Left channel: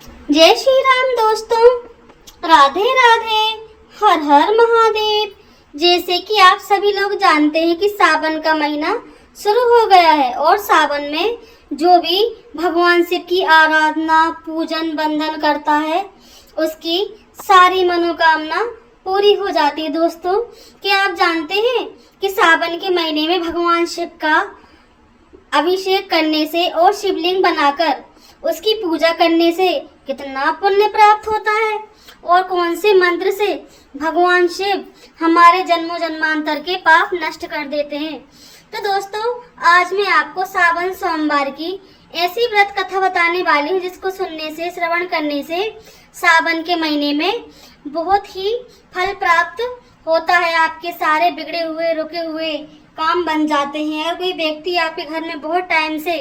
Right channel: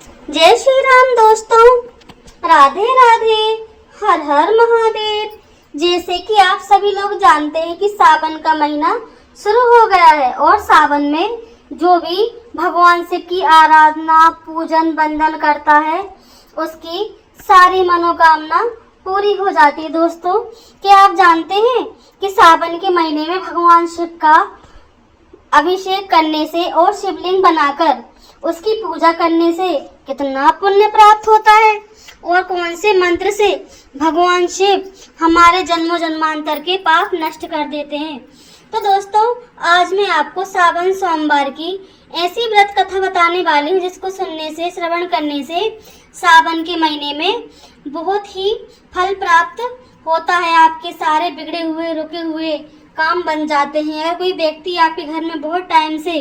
जय श्री राम दोस्तों, राधे राधे, हर हर महादेव। जैसे कि आप सभी लोग जानते हैं कि सावन का महीना शुरू हो गया है और सावन में जो भी भगवान शिव की आराधना पूजन वंदन करता है उसकी सारी मनोकामना पूरी हो जाती है। दोस्तों, क्या आप जानते हैं कि सावन के महीने में भगवान शिव का अभिषेक करने से और शिवलिंग बनाकर उसकी पूजा करने से कितना पुण्य प्राप्त होता है और कौन से मंत्र से भगवान शिव हमारे जन्मों जन्मांतर के पाप नष्ट कर देते हैं। तो दोस्तों, आज मैं आपको सावन सोमवार की ऐसी व्रत कथा बताने वाली हूँ जिसको सुनने से श्रवण करने से सावन के महीने में बहुत ही फल प्राप्त होता है। आपके सारे बिगड़े हुए रुके हुए काम बन जाते हैं। अगर कोई व्यक्ति आपके घर में बहुत टाइम से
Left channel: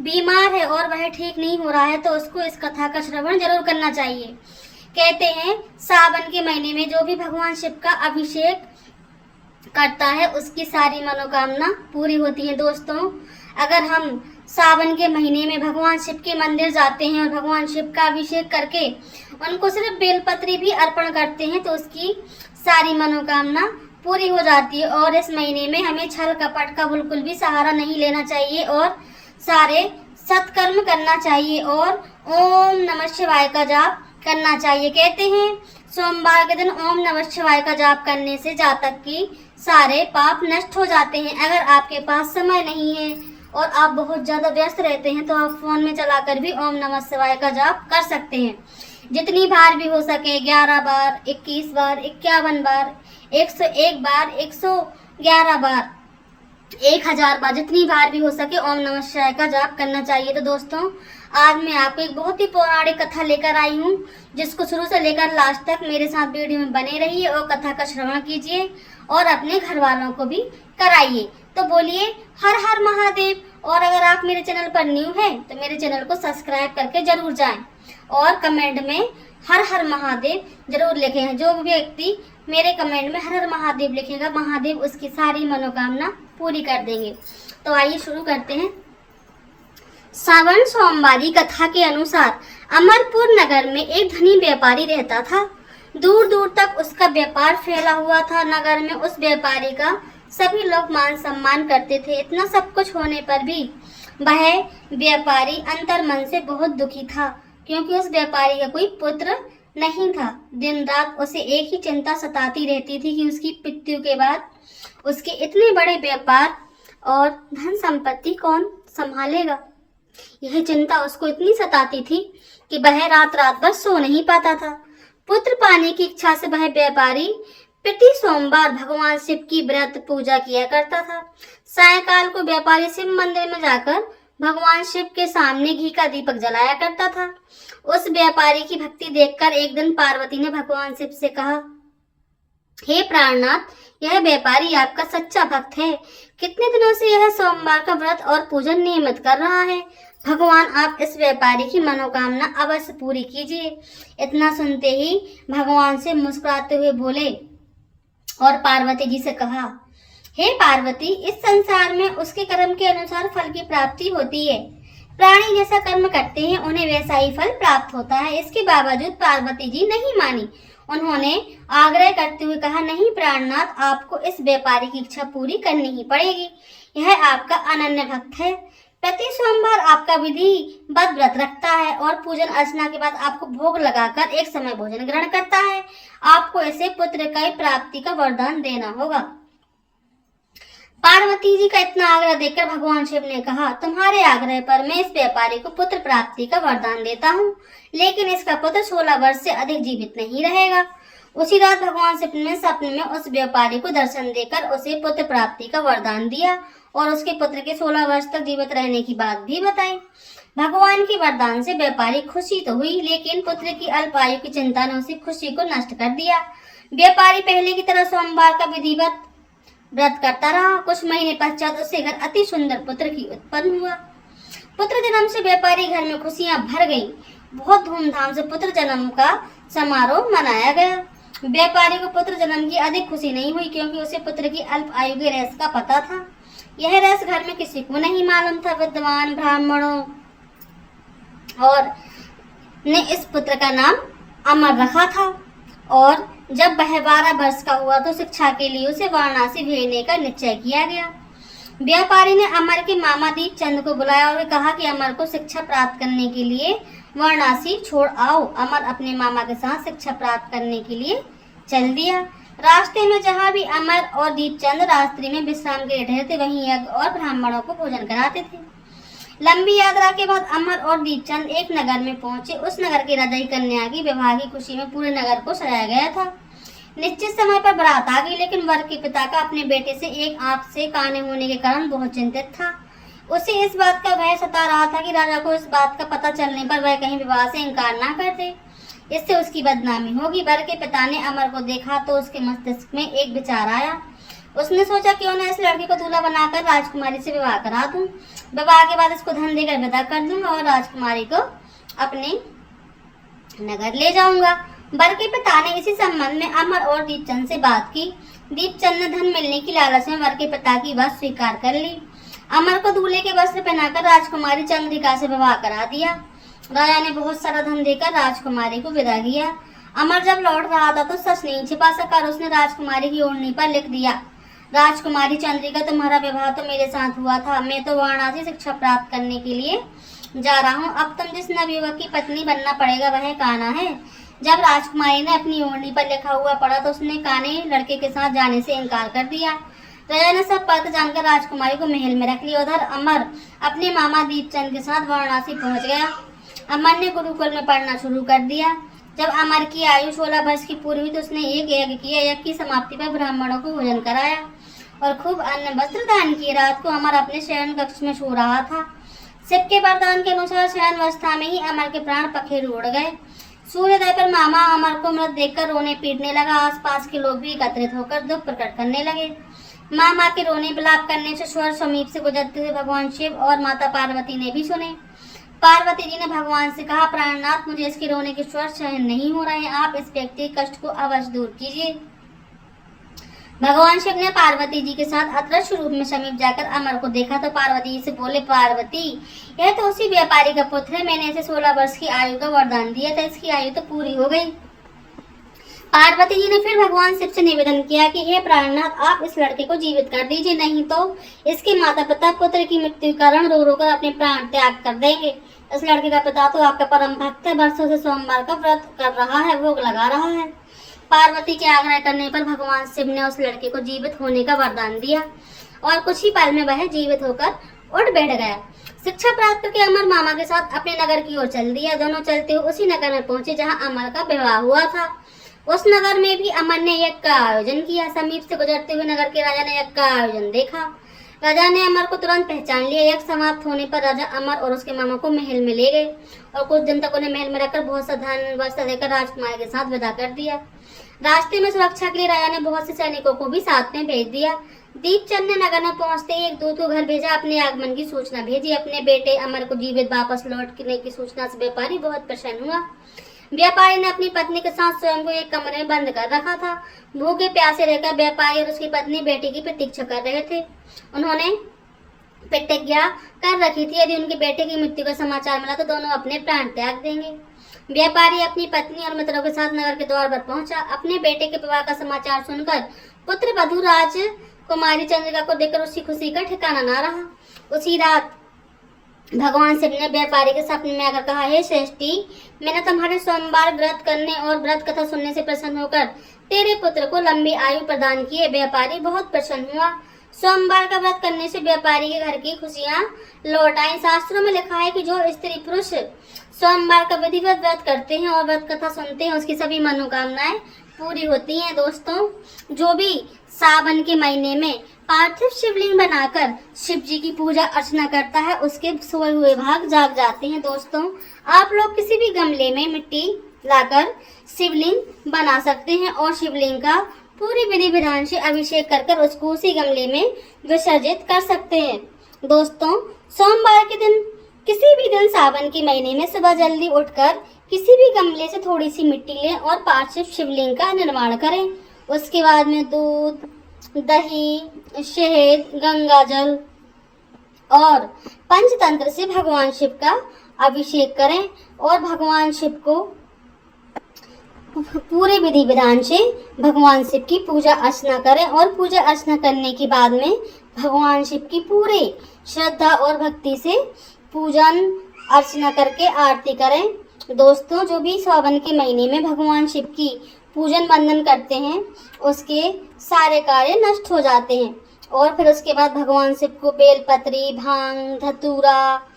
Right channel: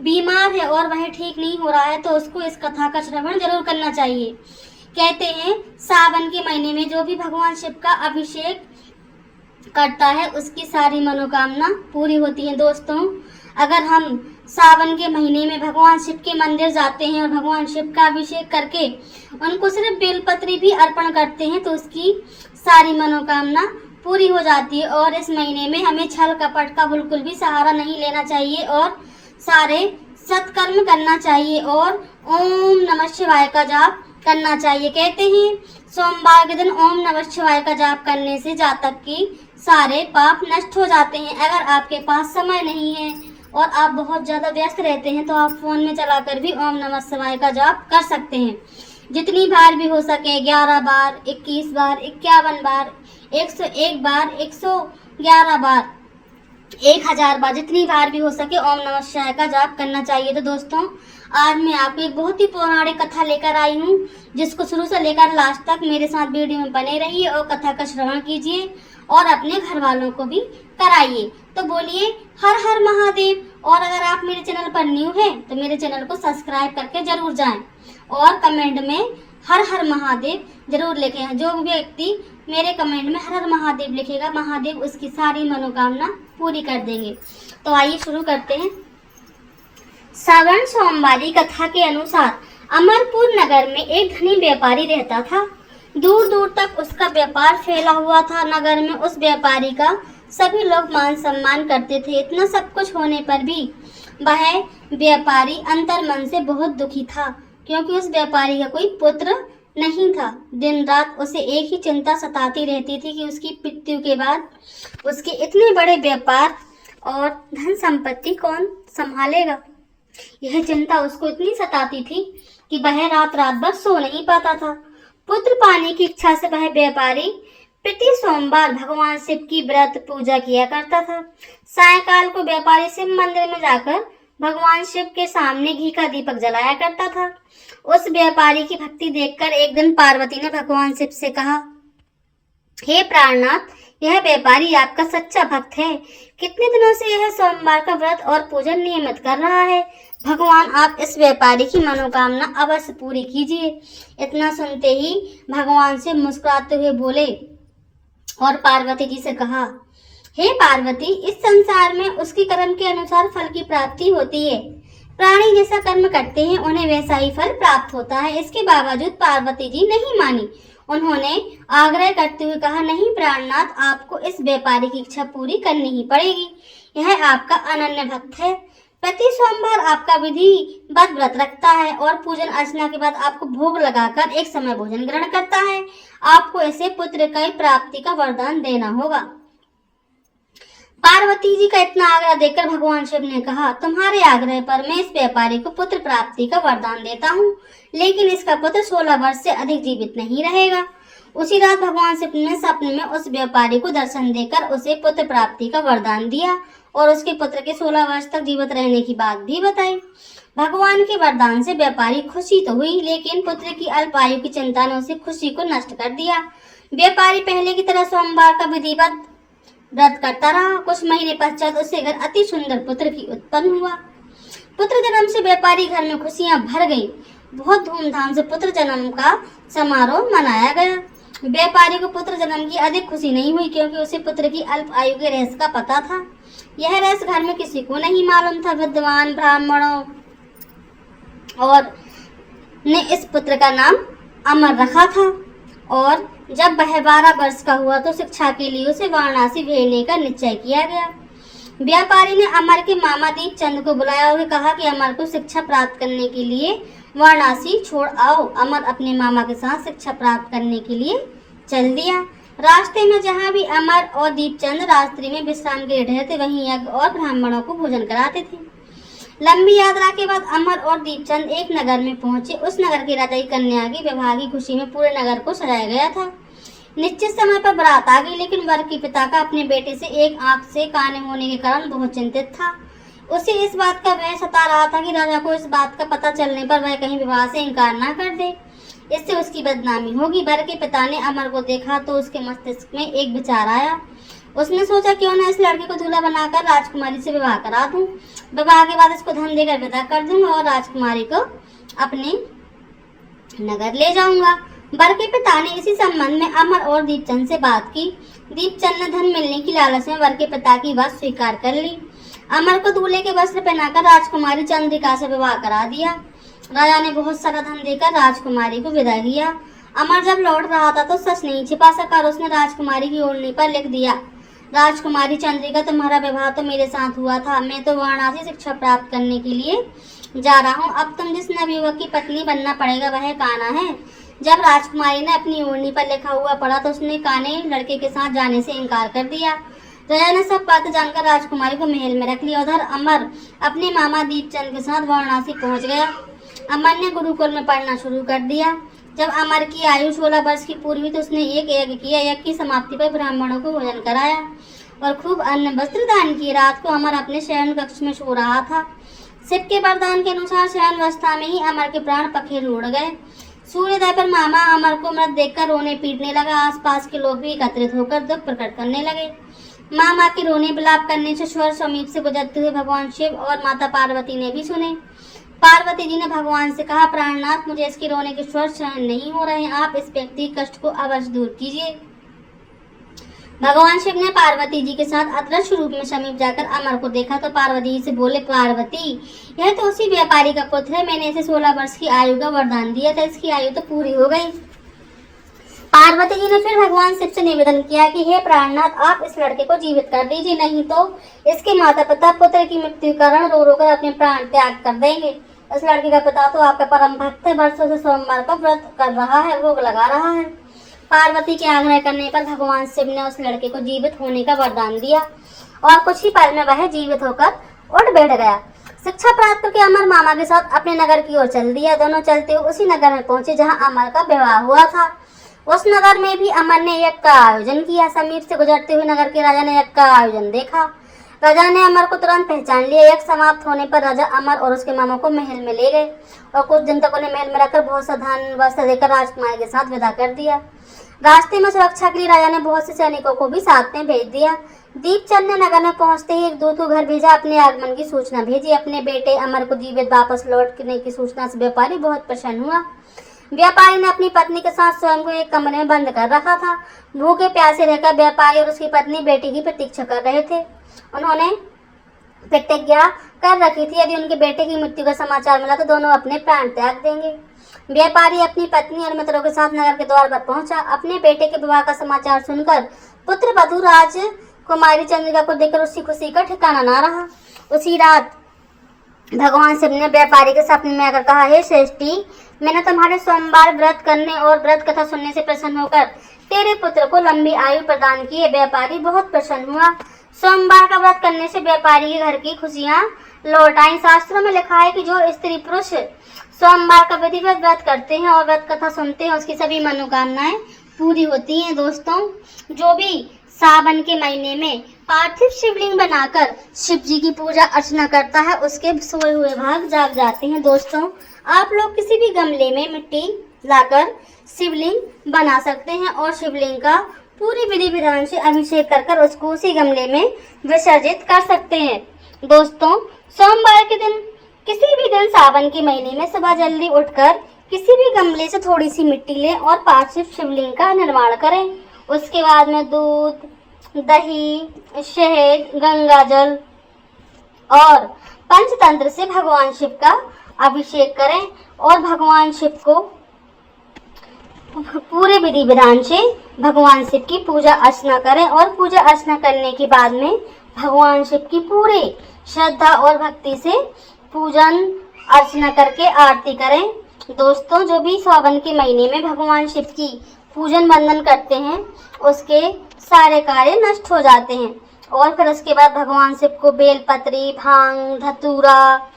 बीमार है और वह ठीक नहीं हो रहा है तो उसको इस कथा का श्रवण जरूर करना चाहिए। कहते हैं सावन के महीने में जो भी भगवान शिव का अभिषेक करता है उसकी सारी मनोकामना पूरी होती है। दोस्तों, अगर हम सावन के महीने में भगवान शिव के मंदिर जाते हैं और भगवान शिव का अभिषेक करके उनको सिर्फ बेलपत्री भी अर्पण करते हैं तो उसकी सारी मनोकामना पूरी हो जाती है। और इस महीने में हमें छल कपट का बिल्कुल भी सहारा नहीं लेना चाहिए और सारे सत्कर्म करना चाहिए और ओम नमः शिवाय का जाप करना चाहिए। कहते हैं सोमवार के दिन ओम नमः शिवाय का जाप करने से जातक की सारे पाप नष्ट हो जाते हैं। अगर आपके पास समय नहीं है और आप बहुत ज़्यादा व्यस्त रहते हैं तो आप फोन में चलाकर भी ओम नमः शिवाय का जाप कर सकते हैं। जितनी बार भी हो सके 11 बार, 21 बार, 51 बार, 101 बार, 111 बार, 1000 बार, जितनी बार भी हो सके ओम नमः शिवाय का जाप करना चाहिए। तो दोस्तों, आज मैं आपको एक बहुत ही पौराणिक कथा लेकर आई हूँ जिसको शुरू से लेकर लास्ट तक मेरे साथ वीडियो में बने रहिए और कथा का श्रवण कीजिए और अपने घर वालों को भी कराइए। तो बोलिए हर हर महादेव। और अगर आप मेरे चैनल पर न्यू हैं तो मेरे चैनल को सब्सक्राइब करके जरूर जाएं और कमेंट में हर हर महादेव जरूर लिखें। जो व्यक्ति मेरे कमेंट में हर हर महादेव लिखेगा महादेव उसकी सारी मनोकामना पूरी कर देंगे। तो आइए शुरू करते हैं। सावन सोमवारी कथा के अनुसार अमरपुर नगर में एक धनी व्यापारी रहता था। दूर दूर तक उसका व्यापार फैला हुआ था। नगर में उस व्यापारी का सभी लोग मान सम्मान करते थे। इतना सब कुछ होने पर भी वह व्यापारी अंतर मन से बहुत दुखी था क्योंकि उस व्यापारी का कोई पुत्र नहीं था। दिन रात उसे एक ही चिंता सताती रहती थी कि उसकी मृत्यु के बाद उसके इतने बड़े व्यापार और धन संपत्ति कौन संभालेगा। यह चिंता उसको इतनी सताती थी कि वह रात रात भर सो नहीं पाता था। पुत्र पाने की इच्छा से वह व्यापारी प्रति सोमवार भगवान शिव की व्रत पूजा किया करता था। सायंकाल को व्यापारी शिव मंदिर में जाकर भगवान शिव के सामने घी का दीपक जलाया करता था। उस व्यापारी की भक्ति देखकर एक दिन पार्वती ने भगवान शिव से कहा, हे प्राणनाथ, यह व्यापारी आपका सच्चा भक्त है। कितने दिनों से यह सोमवार का व्रत और पूजन नियमित कर रहा है। भगवान आप इस व्यापारी की मनोकामना अवश्य पूरी कीजिए। इतना सुनते ही भगवान से मुस्कुराते हुए बोले और पार्वती जी से कहा, हे पार्वती, इस संसार में उसके कर्म के अनुसार फल की प्राप्ति होती है। प्राणी जैसा कर्म करते हैं उन्हें वैसा ही फल प्राप्त होता है। इसके बावजूद पार्वती जी नहीं मानी। उन्होंने आग्रह करते हुए कहा, नहीं प्राणनाथ, आपको इस व्यापारी की इच्छा पूरी करनी ही पड़ेगी। यह आपका अनन्य भक्त है। प्रति सोमवार आपका विधि बद्ध व्रत रखता है और पूजन अर्चना के बाद आपको भोग लगाकर एक समय भोजन ग्रहण करता है। आपको ऐसे पुत्र की प्राप्ति का वरदान देना होगा। पार्वती जी का इतना आग्रह देखकर भगवान शिव ने कहा, तुम्हारे आग्रह पर मैं इस व्यापारी को पुत्र प्राप्ति का वरदान देता हूँ, लेकिन इसका पुत्र 16 वर्ष से अधिक जीवित नहीं रहेगा। उसी रात भगवान शिव ने सपने में उस व्यापारी को दर्शन देकर उसे पुत्र प्राप्ति का वरदान दिया और उसके पुत्र के 16 वर्ष तक जीवित रहने की बात भी बताई। भगवान के वरदान से व्यापारी खुशी तो हुई, लेकिन पुत्र की अल्प आयु की चिंता ने उसे खुशी को नष्ट कर दिया। व्यापारी पहले की तरह सोमवार का विधिवत व्रत करता रहा। कुछ महीने पश्चात उसे घर अति सुंदर पुत्र की उत्पन्न हुआ। पुत्र जन्म से व्यापारी घर में खुशियां भर गई। बहुत धूमधाम से पुत्र जन्म का समारोह मनाया गया। व्यापारी को पुत्र जन्म की अधिक खुशी नहीं हुई क्योंकि उसे पुत्र की अल्प आयु के रहस्य का पता था। यह रहस्य घर में किसी को नहीं मालूम था। विद्वान ब्राह्मणों और ने इस पुत्र का नाम अमर रखा था और जब वह 12 वर्ष का हुआ तो शिक्षा के लिए उसे वाराणसी भेजने का निश्चय किया गया। व्यापारी ने अमर के मामा दीपचंद को बुलाया और कहा कि अमर को शिक्षा प्राप्त करने के लिए वाराणसी छोड़ आओ। अमर अपने मामा के साथ शिक्षा प्राप्त करने के लिए चल दिया। रास्ते में जहाँ भी अमर और दीपचंद रात्रि में विश्राम के लिए ठहरे थे, वहीं यज्ञ और ब्राह्मणों को भोजन कराते थे। लंबी यात्रा के बाद अमर और दीपचंद एक नगर में पहुंचे। उस नगर की राजाई कन्या की विवाह की खुशी में पूरे नगर को सजाया गया था। निश्चित समय पर बारात आ गई, लेकिन वर के पिता का अपने बेटे से एक आंख से काने होने के कारण बहुत चिंतित था। उसे इस बात का भय सता रहा था कि राजा को इस बात का पता चलने पर वह कहीं विवाह से इनकार ना कर दे, इससे उसकी बदनामी होगी। वर के पिता ने अमर को देखा तो उसके मस्तिष्क में एक विचार आया। उसने सोचा क्यों न इस लड़के को दूल्हा बनाकर राजकुमारी से विवाह करा दूं। विवाह के बाद इसको धन देकर विदा कर दूंगा और राजकुमारी को अपने नगर ले जाऊंगा। वर के पिता ने इसी संबंध में अमर और दीपचंद से बात की। दीपचंद ने धन मिलने की लालच में वर के पिता की बात स्वीकार कर ली। अमर को दूल्हे के वस्त्र पहनाकर राजकुमारी चंद्रिका से विवाह करा दिया। राजा ने बहुत सारा धन देकर राजकुमारी को विदा किया। अमर जब लौट रहा था तो सच नहीं छिपा सका, उसने राजकुमारी की ओढ़नी पर लिख दिया, राजकुमारी चंद्रिका, तुम्हारा विवाह तो मेरे साथ हुआ था। मैं तो वाराणसी शिक्षा प्राप्त करने के लिए जा रहा हूँ। अब तुम जिस नवयुवक की पत्नी बनना पड़ेगा वह कान्हा है। जब राजकुमारी ने अपनी ओढ़नी पर लिखा हुआ पढ़ा तो उसने कान्हे लड़के के साथ जाने से इनकार कर दिया। राजा ने सब बात जानकर राजकुमारी को महल में रख लिया। उधर अमर अपने मामा दीपचंद के साथ वाराणसी पहुंच गया। अमर ने गुरुकुल में पढ़ना शुरू कर दिया। जब अमर की आयु 16 वर्ष की पूरी हुई तो उसने एक यज्ञ किया। यज्ञ की समाप्ति पर ब्राह्मणों को भोजन कराया और खूब अन्न वस्त्र दान किए। रात को अमर अपने शयन कक्ष में सो रहा था। शिव के वरदान के अनुसार शयन अवस्था में ही अमर के प्राण पखेरु उड़ गए। सूर्योदय पर मामा अमर को मृत देखकर रोने पीटने लगा। आसपास के लोग भी एकत्रित होकर दुख प्रकट करने लगे। मामा के रोने विलाप करने से स्वर समीप से गुजरते हुए भगवान शिव और माता पार्वती ने भी सुने। पार्वती जी ने भगवान से कहा, प्राणनाथ, मुझे इसके रोने के स्वर सहन नहीं हो रहे हैं, आप इस व्यक्ति के कष्ट को अवश्य दूर कीजिए। भगवान शिव ने पार्वती जी के साथ अदृश्य रूप में समीप जाकर अमर को देखा तो पार्वती जी से बोले, पार्वती, यह तो उसी व्यापारी का पुत्र है। मैंने इसे 16 वर्ष की आयु का वरदान दिया था, इसकी आयु तो पूरी हो गई। पार्वती जी ने फिर भगवान शिव से निवेदन किया कि हे प्राणनाथ, आप इस लड़के को जीवित कर दीजिए, नहीं तो इसके माता पिता पुत्र की मृत्यु के कारण रो रो कर अपने प्राण त्याग कर देंगे। इस लड़के का पिता तो आपका परम भक्त है, वर्षों से सोमवार का व्रत कर रहा है, भोग लगा रहा है। पार्वती के आग्रह करने पर भगवान शिव ने उस लड़के को जीवित होने का वरदान दिया और कुछ ही पल में वह जीवित होकर उठ बैठ गया। शिक्षा प्राप्त करके अमर मामा के साथ अपने नगर की ओर चल दिया। दोनों चलते हुए उसी नगर में पहुंचे जहां अमर का विवाह हुआ था। उस नगर में भी अमर ने यज्ञ का आयोजन किया। समीप से गुजरते हुए नगर के राजा ने यज्ञ का आयोजन देखा। राजा ने अमर को तुरंत पहचान लिया। यज्ञ समाप्त होने पर राजा अमर और उसके मामा को महल में ले गए और कुछ दिन तक उन्हें महल में रखकर बहुत सा धन वस्त्र देकर राजकुमारी के साथ विदा कर दिया। रास्ते में सुरक्षा के लिए राजा ने बहुत से सैनिकों को भी साथ में भेज दिया। दीपचंद ने नगर में पहुंचते ही एक दूत को घर भेजा, अपने आगमन की सूचना भेजी। अपने बेटे अमर को जीवित वापस लौटने की सूचना से व्यापारी बहुत प्रसन्न हुआ। व्यापारी ने अपनी पत्नी के साथ स्वयं को एक कमरे में बंद कर रखा था। भूखे प्यासे रहकर व्यापारी और उसकी पत्नी बेटे की प्रतीक्षा कर रहे थे। उन्होंने प्रतिज्ञा कर रखी थी, यदि उनके बेटे की मृत्यु का समाचार मिला तो दोनों अपने प्राण त्याग देंगे। व्यापारी अपनी पत्नी और मित्रों के साथ नगर के द्वार पर पहुंचा। अपने बेटे के विवाह का समाचार सुनकर पुत्र वधू राजकुमारी चंद्रिका को देखकर उसकी खुशी का ठिकाना न रहा। उसी रात भगवान शिव ने व्यापारी के सपने में आकर कहा, हे श्रेष्ठी, मैंने तुम्हारे सोमवार व्रत करने और व्रत कथा सुनने से प्रसन्न होकर तेरे पुत्र को लंबी आयु प्रदान की है। व्यापारी बहुत प्रसन्न हुआ। सोमवार का व्रत करने से व्यापारी के घर की खुशियां लौट आई। शास्त्रों में लिखा है कि जो स्त्री पुरुष सोमवार का विधिवत व्रत करते हैं और व्रत कथा सुनते हैं उसकी सभी मनोकामनाएं पूरी होती हैं। दोस्तों, जो भी सावन के महीने में पार्थिव शिवलिंग बनाकर शिव जी की पूजा अर्चना करता है उसके सोए हुए भाग जाग जाते हैं। दोस्तों, आप लोग किसी भी गमले में मिट्टी लाकर शिवलिंग बना सकते हैं और शिवलिंग का पूरी विधि विधान से अभिषेक कर उसको उसी गमले में विसर्जित कर सकते हैं। दोस्तों, सोमवार के दिन किसी भी दिन सावन के महीने में सुबह जल्दी उठकर किसी भी गमले से थोड़ी सी मिट्टी लें और पार्थिव शिवलिंग का निर्माण करें। उसके बाद में दूध, दही, शहद, गंगा जल और पंचतंत्र से भगवान शिव का अभिषेक करें और भगवान शिव को पूरे विधि विधान से भगवान शिव की पूजा अर्चना करें। और पूजा अर्चना करने के बाद में भगवान शिव की पूरे श्रद्धा और भक्ति से पूजन अर्चना करके आरती करें। दोस्तों, जो भी सावन के महीने में भगवान शिव की पूजन वंदन करते हैं उसके सारे कार्य नष्ट हो जाते हैं। और फिर उसके बाद भगवान शिव को बेलपत्री, भांग, धतूरा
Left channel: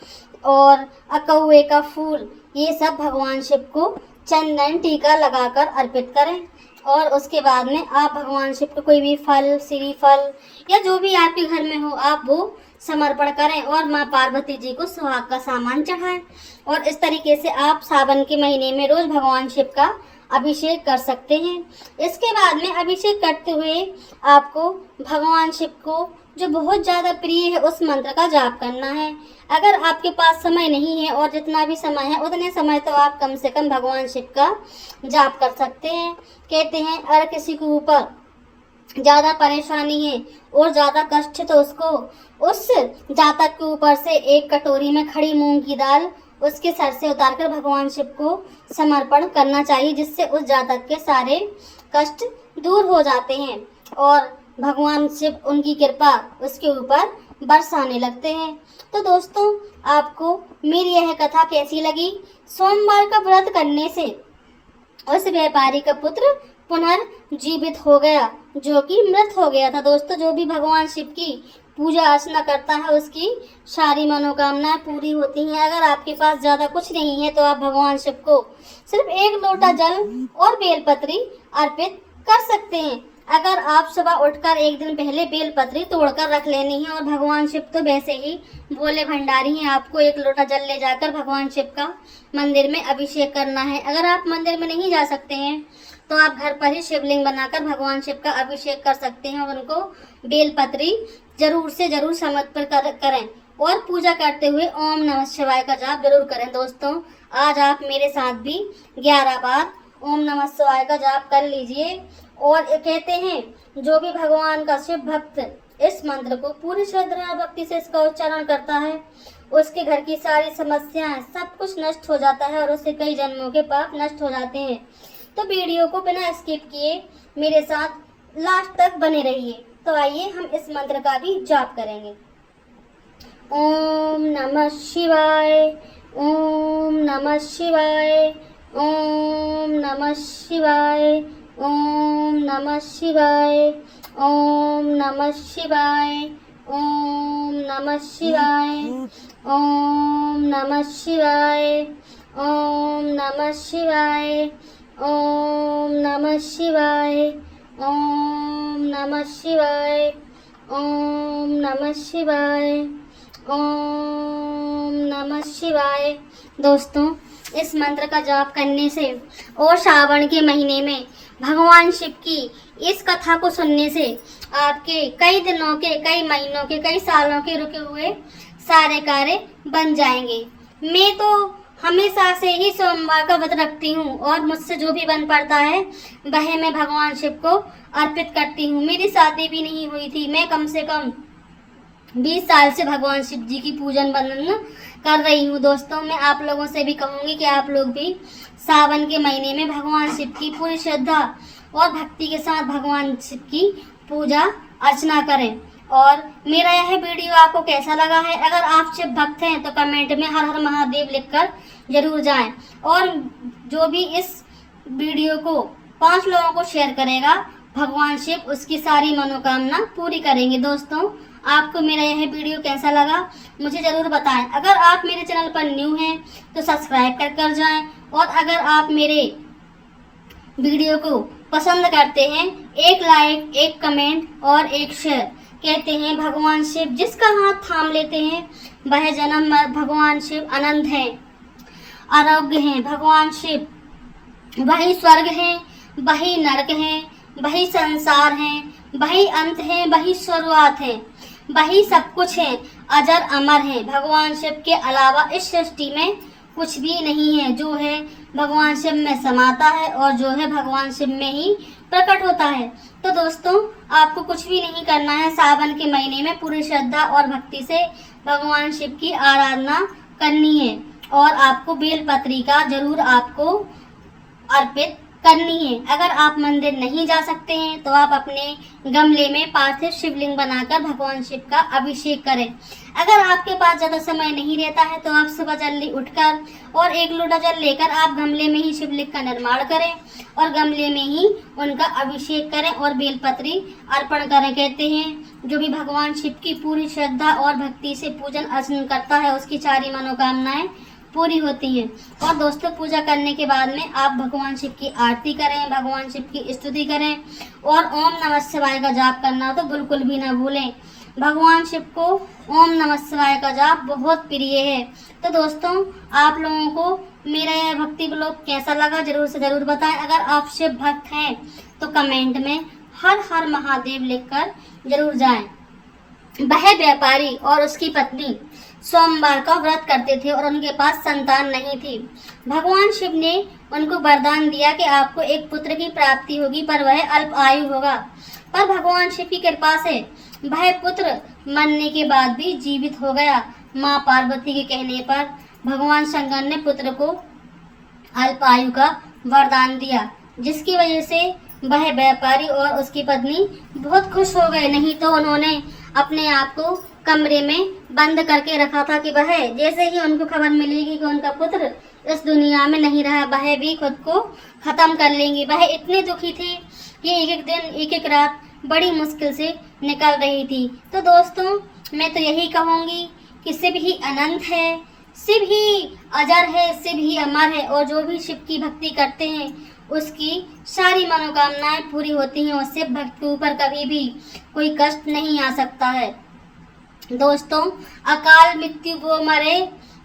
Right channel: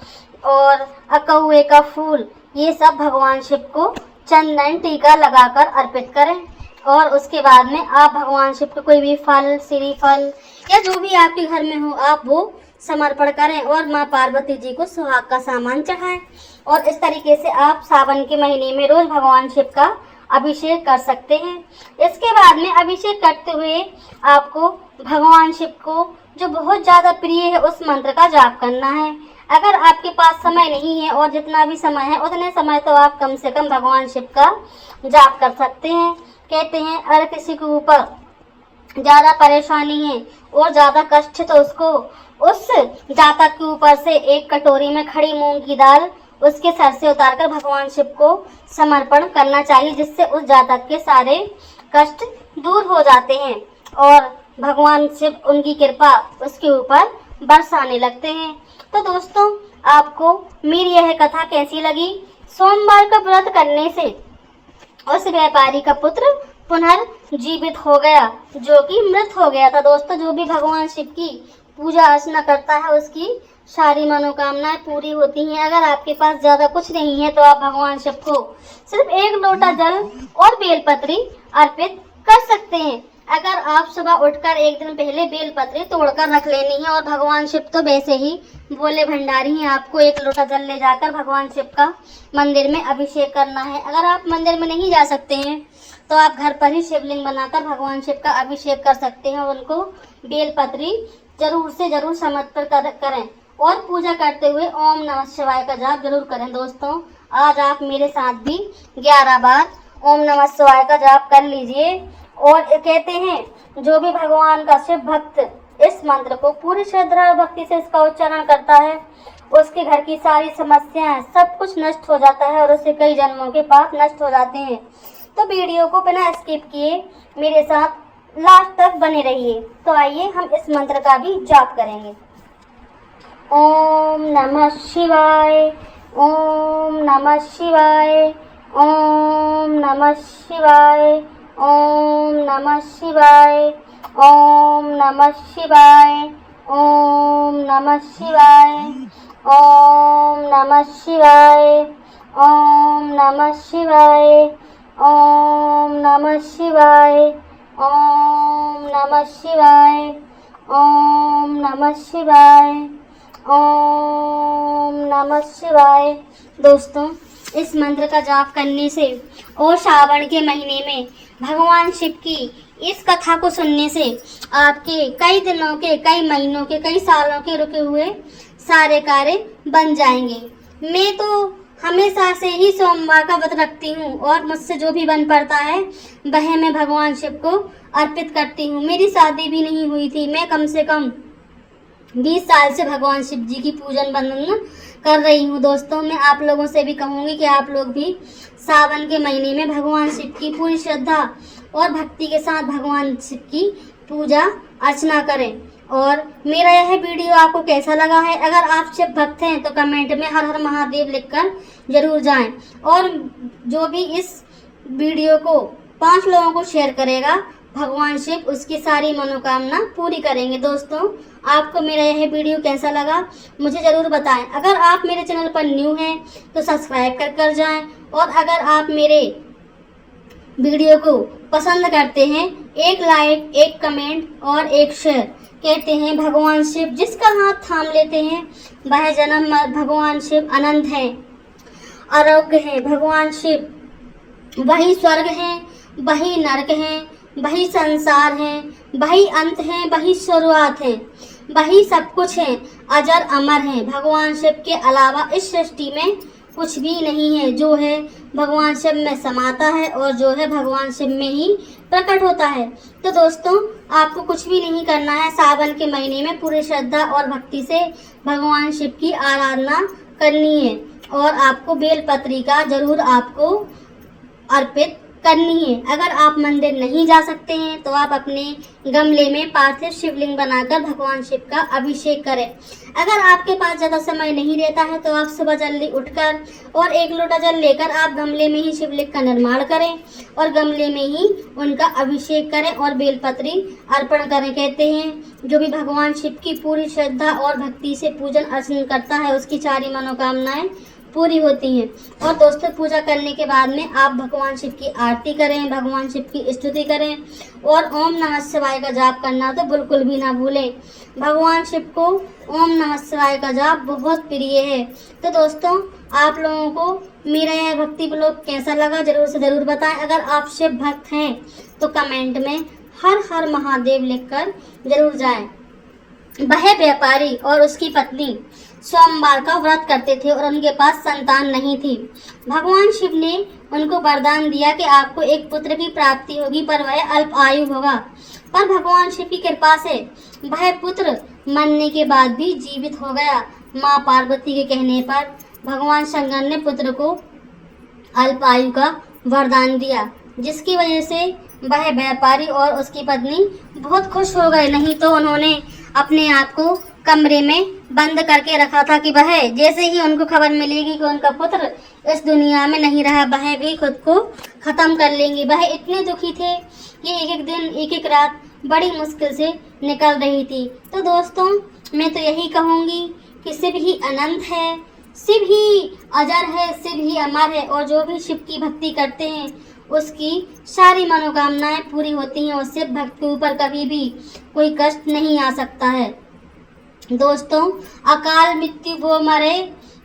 और अकहुए का फूल, ये सब भगवान शिव को चंदन टीका लगाकर अर्पित करें। और उसके बाद में आप भगवान शिव को कोई भी फल, श्रीफल या जो भी आपके घर में हो आप वो समर्पण करें और माँ पार्वती जी को सुहाग का सामान चढ़ाएं। और इस तरीके से आप सावन के महीने में रोज भगवान शिव का अभिषेक कर सकते हैं। इसके बाद में अभिषेक करते हुए आपको भगवान शिव को जो बहुत ज़्यादा प्रिय है उस मंत्र का जाप करना है। अगर आपके पास समय नहीं है और जितना भी समय है उतने समय तो आप कम से कम भगवान शिव का जाप कर सकते हैं। कहते हैं अगर किसी के ऊपर ज़्यादा परेशानी है और ज़्यादा कष्ट है तो उसको उस जातक के ऊपर से एक कटोरी में खड़ी मूंग की दाल उसके सर से उतारकर भगवान शिव को समर्पण करना चाहिए, जिससे उस जातक के सारे कष्ट दूर हो जाते हैं और भगवान शिव उनकी कृपा उसके ऊपर बरसाने लगते हैं। तो दोस्तों, आपको मेरी यह कथा कैसी लगी? सोमवार का व्रत करने से उस व्यापारी का पुत्र पुनर्जीवित हो गया जो कि मृत हो गया था। दोस्तों, जो भी भगवान शिव की पूजा अर्चना करता है उसकी सारी मनोकामनाएं पूरी होती हैं। अगर आपके पास ज़्यादा कुछ नहीं है तो आप भगवान शिव को सिर्फ 1 लोटा जल और बेलपत्री अर्पित कर सकते हैं। अगर आप सुबह उठकर एक दिन पहले बेलपत्री तोड़कर रख लेनी है और भगवान शिव तो वैसे ही भोले भंडारी हैं, आपको 1 लोटा जल ले जाकर भगवान शिव का मंदिर में अभिषेक करना है। अगर आप मंदिर में नहीं जा सकते हैं तो आप घर पर ही शिवलिंग बनाकर भगवान शिव का अभिषेक कर सकते हैं। उनको बेलपत्री जरूर से जरूर समर्पित करें और पूजा करते हुए ओम नमः शिवाय का जाप जरूर करें। दोस्तों, आज आप मेरे साथ भी 11 बार ओम नमः शिवाय का जाप कर लीजिए। और कहते हैं जो भी भगवान का शिव भक्त इस मंत्र को पूरी श्रद्धा और भक्ति से इसका उच्चारण करता है उसके घर की सारी समस्याएं सब कुछ नष्ट हो जाता है और उससे कई जन्मों के पाप नष्ट हो जाते हैं। तो वीडियो को बिना स्किप किए मेरे साथ लास्ट तक बने रहिए। तो आइए हम इस मंत्र का भी जाप करेंगे। ओम नमः शिवाय, ओम नमः शिवाय, ओम नमः शिवाय, ओम नमः शिवाय, ओम नमः शिवाय, ओम नमः शिवाय, ओम नमः शिवाय, ओम नमः शिवाय, ओम नमः शिवाय, ओम नमः शिवाय, ओम नमः शिवाय, ओम नमः शिवाय। दोस्तों, इस मंत्र का जाप करने से और श्रावण के महीने में भगवान शिव की इस कथा को सुनने से आपके कई दिनों के, कई महीनों के, कई सालों के रुके हुए सारे कार्य बन जाएंगे। मैं तो हमेशा से ही सोमवार का व्रत रखती हूँ और मुझसे जो भी बन पड़ता है वह मैं भगवान शिव को अर्पित करती हूँ। मेरी शादी भी नहीं हुई थी, मैं कम से कम 20 साल से भगवान शिव जी की पूजन वंदन कर रही हूँ। दोस्तों, मैं आप लोगों से भी कहूँगी कि आप लोग भी सावन के महीने में भगवान शिव की पूरी श्रद्धा और भक्ति के साथ भगवान शिव की पूजा अर्चना करें। और मेरा यह वीडियो आपको कैसा लगा है? अगर आप शिव भक्त हैं तो कमेंट में हर हर महादेव लिखकर जरूर जाएं। और जो भी इस वीडियो को 5 लोगों को शेयर करेगा भगवान शिव उसकी सारी मनोकामना पूरी करेंगे। दोस्तों, आपको मेरा यह वीडियो कैसा लगा मुझे ज़रूर बताएं। अगर आप मेरे चैनल पर न्यू हैं तो सब्सक्राइब कर जाएं। और अगर आप मेरे वीडियो को पसंद करते हैं, एक लाइक, एक कमेंट और एक शेयर। कहते हैं भगवान शिव जिसका हाथ थाम लेते हैं वह जन्म भगवान शिव अनंत है, आरोग्य है। भगवान शिव वही स्वर्ग हैं, वही नरक हैं, वही संसार हैं, वही अंत हैं, वही शुरुआत हैं, वही सब कुछ हैं, अजर अमर हैं। भगवान शिव के अलावा इस सृष्टि में कुछ भी नहीं है। जो है भगवान शिव में समाता है और जो है भगवान शिव में ही प्रकट होता है। तो दोस्तों, आपको कुछ भी नहीं करना है, सावन के महीने में पूरी श्रद्धा और भक्ति से भगवान शिव की आराधना करनी है। और आपको बेलपत्री का जरूर आपको अर्पित करनी है। अगर आप मंदिर नहीं जा सकते हैं तो आप अपने गमले में पार्थिव शिवलिंग बनाकर भगवान शिव का अभिषेक करें। अगर आपके पास ज़्यादा समय नहीं रहता है तो आप सुबह जल्दी उठकर और 1 लोटा जल लेकर आप गमले में ही शिवलिंग का निर्माण करें और गमले में ही उनका अभिषेक करें और बेलपत्री अर्पण करें। कहते हैं जो भी भगवान शिव की पूरी श्रद्धा और भक्ति से पूजन अर्चन करता है उसकी सारी मनोकामनाएं पूरी होती हैं। और दोस्तों, पूजा करने के बाद में आप भगवान शिव की आरती करें, भगवान शिव की स्तुति करें और ओम नमः शिवाय का जाप करना तो बिल्कुल भी ना भूलें। भगवान शिव को ओम नमः शिवाय का जाप बहुत प्रिय है। तो दोस्तों, आप लोगों को मेरा यह भक्ति ब्लॉग कैसा लगा जरूर से ज़रूर बताएं। अगर आप शिव भक्त हैं तो कमेंट में हर हर महादेव लिखकर जरूर जाएं। वह व्यापारी और उसकी पत्नी सोमवार का व्रत करते थे और उनके पास संतान नहीं थी। भगवान शिव ने उनको वरदान दिया कि आपको एक पुत्र की प्राप्ति होगी पर वह अल्प आयु होगा। पर भगवान शिव की कृपा से वह पुत्र मरने के बाद भी जीवित हो गया। माँ पार्वती के कहने पर भगवान शंकर ने पुत्र को अल्प आयु का वरदान दिया, जिसकी वजह से वह व्यापारी और उसकी पत्नी बहुत खुश हो गए। नहीं तो उन्होंने अपने आप को कमरे में बंद करके रखा था कि वह जैसे ही उनको खबर मिलेगी कि उनका पुत्र इस दुनिया में नहीं रहा वह भी खुद को खत्म कर लेंगे। वह इतने दुखी थे कि एक एक दिन एक एक रात बड़ी मुश्किल से निकल रही थी। तो दोस्तों, मैं तो यही कहूँगी कि शिव ही अनंत है, शिव ही अजर है, शिव ही अमर है और जो भी शिव की भक्ति करते हैं उसकी सारी मनोकामनाएं पूरी होती हैं और शिव भक्त के ऊपर कभी भी कोई कष्ट नहीं आ सकता है। दोस्तों, अकाल मृत्यु वो मरे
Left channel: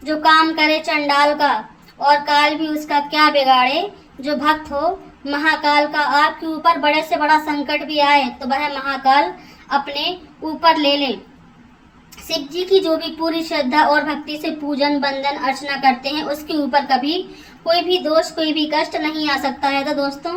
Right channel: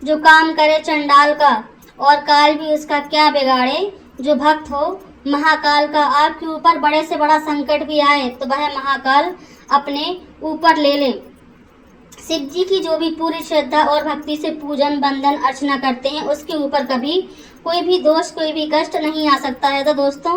जो काम करे चंडाल का, और काल भी उसका क्या बिगाड़े जो भक्त हो महाकाल का। आपके ऊपर बड़े से बड़ा संकट भी आए तो वह महाकाल अपने ऊपर ले ले। शिव जी की जो भी पूरी श्रद्धा और भक्ति से पूजन वंदन अर्चना करते हैं उसके ऊपर कभी कोई भी दोष कोई भी कष्ट नहीं आ सकता है। तो दोस्तों,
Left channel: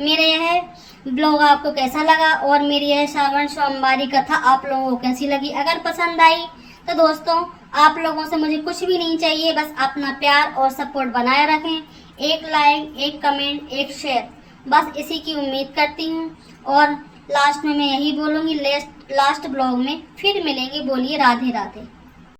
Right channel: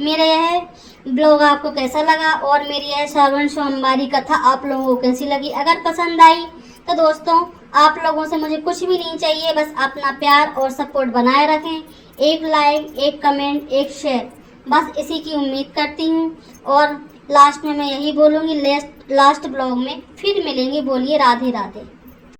मेरा यह ब्लॉग आपको कैसा लगा और मेरी यह श्रावण सोमवारी कथा आप लोगों को कैसी लगी? अगर पसंद आई तो दोस्तों, आप लोगों से मुझे कुछ भी नहीं चाहिए, बस अपना प्यार और सपोर्ट बनाए रखें। एक लाइक, एक कमेंट, एक शेयर, बस इसी की उम्मीद करती हूँ। और लास्ट में मैं यही बोलूँगी, लास्ट ब्लॉग में फिर मिलेंगे। बोलिए राधे राधे।